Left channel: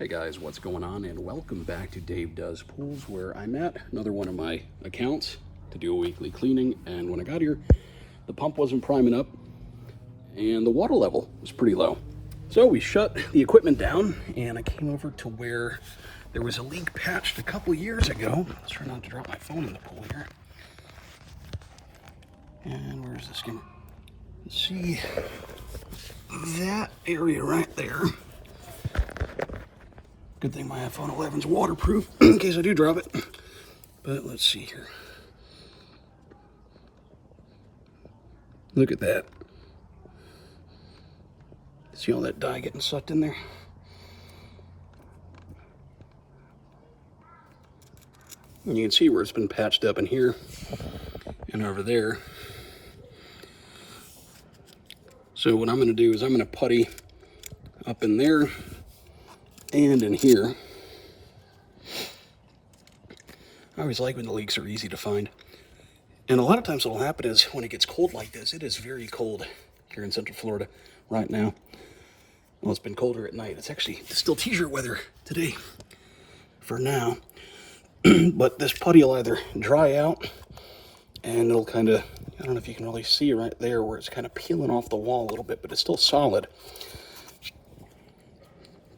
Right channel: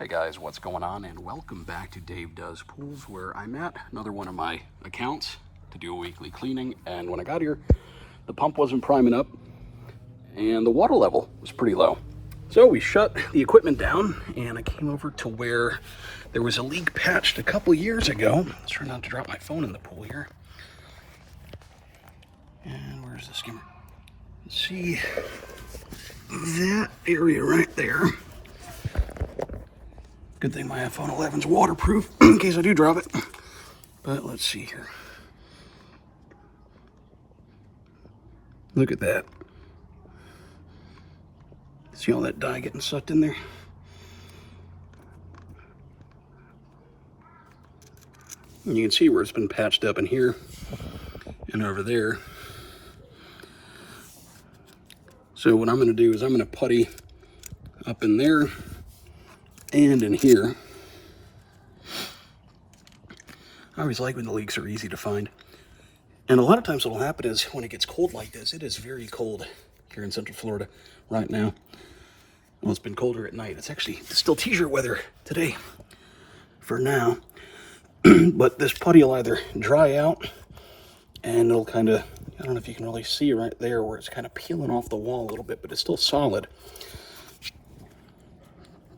Hey guys, what's going on? And welcome back to Dave Does Pools, where I'm at another one of my accounts to do a weekly cleaning. And when I got here, the pump wasn't priming up and the water level was pretty low. So we shut the equipment down and I came over to where there was a leak patched a couple years ago. Let's try not to drop my phone in the pool here. And where's the skimmer? Let's see that area right there. Good thing my iPhone 11's waterproof in case I do drop it. But let's see here. Look at that. See all that dye getting sucked in there? And you can see where it's been patched up in here and over there. So what I'm going to do is I'm going to putty up in there and in here. I always like when the leaks are easy to find. And a lot of times what'll happen is when it gets cold like this, it is very cold here in Central Florida right now. Well, it's been colder at night. It's actually still t-shirt weather today for now. But this putty will either dry out and it'll kind of, I don't know if you can really see right there where it's kind of peeling off the wall a little bit, but it's still solid.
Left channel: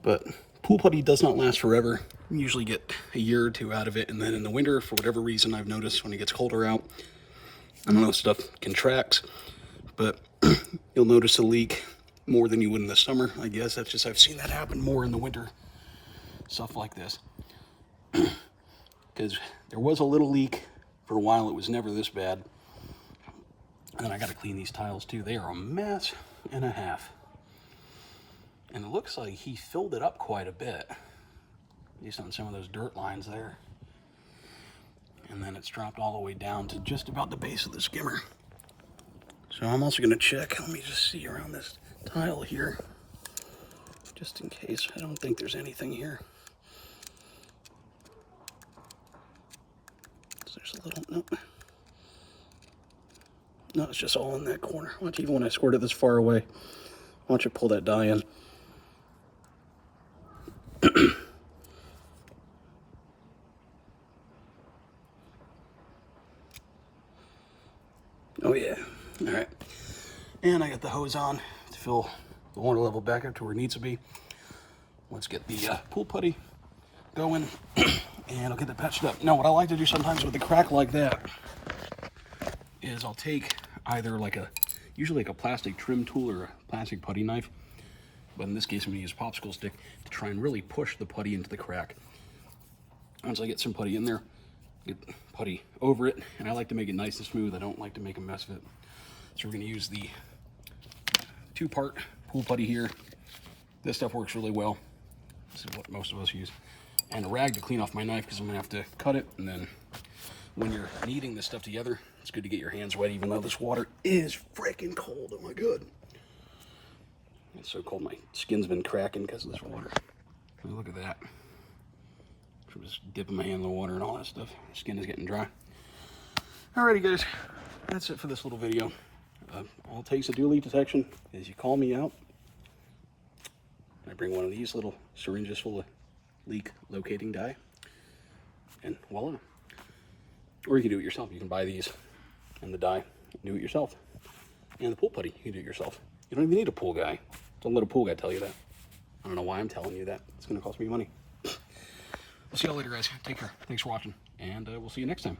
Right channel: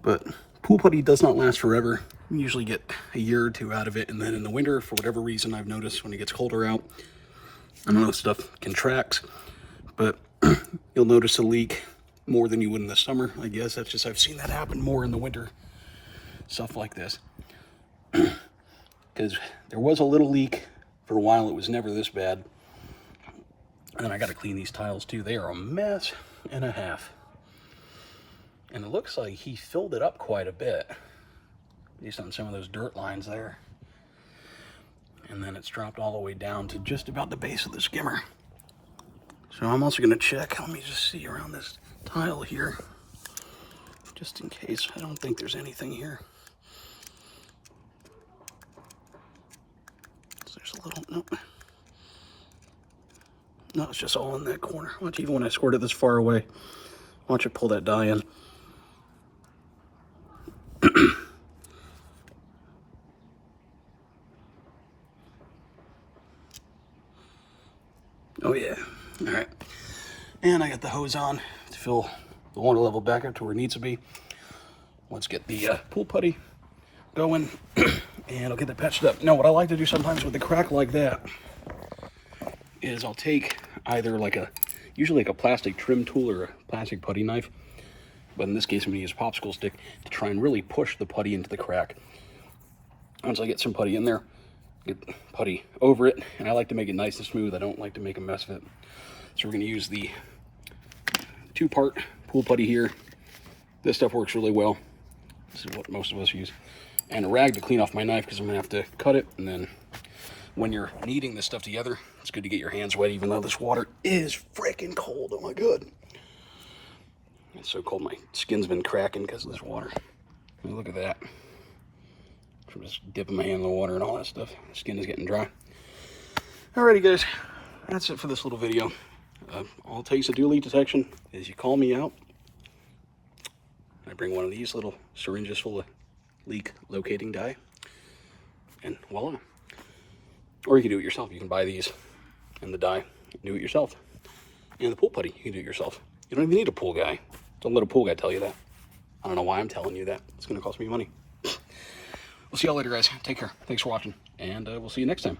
But pool putty does not last forever. You usually get a year or two out of it, and then in the winter, for whatever reason, I've noticed when it gets colder out, I don't know, stuff contracts, but you'll notice a leak more than you would in the summer. I guess that's just, I've seen that happen more in the winter, stuff like this. Because there was a little leak for a while, it was never this bad. And then I got to clean these tiles too. They are a mess and a half. And it looks like he filled it up quite a bit, based on some of those dirt lines there. And then it's dropped all the way down to just about the base of the skimmer. So I'm also going to check, let me just see around this tile here, just in case. I don't think there's anything here. So there's a little, nope. No, it's just all in that corner. Watch, even when I squirt it this far away, watch it pull that dye in. Oh yeah, all right. And I got the hose on to fill the water level back up to where it needs to be. Let's get the pool putty going and I'll get that patched up. Now what I like to do sometimes with a crack like that is I'll take either usually like a plastic trim tool or a plastic putty knife, but in this case I'm going to use a popsicle stick to try and really push the putty into the crack. Once I get some putty in there, get putty over it, and I like to make it nice and smooth. I don't like to make a mess of it. So we're going to use the 2-part pool putty here. This stuff works really well. This is what most of us use. And a rag to clean off my knife because I'm going to have to cut it. And then when you're kneading this stuff together, it's good to get your hands wet, even though this water is freaking cold. Oh my god. It's so cold, my skin's been cracking because of this water. I mean, look at that. I'm just dipping my hand in the water and all that stuff. The skin is getting dry. Alrighty guys, that's it for this little video. All it takes to do leak detection is you call me out. I bring one of these little syringes full of leak locating dye, and voila. Or you can do it yourself. You can buy these and the dye, do it yourself. And the pool putty, you can do it yourself. You don't even need a pool guy. Don't let a pool guy tell you that. I don't know why I'm telling you that. It's going to cost me money. We'll see y'all later, guys. Take care. Thanks for watching, and we'll see you next time.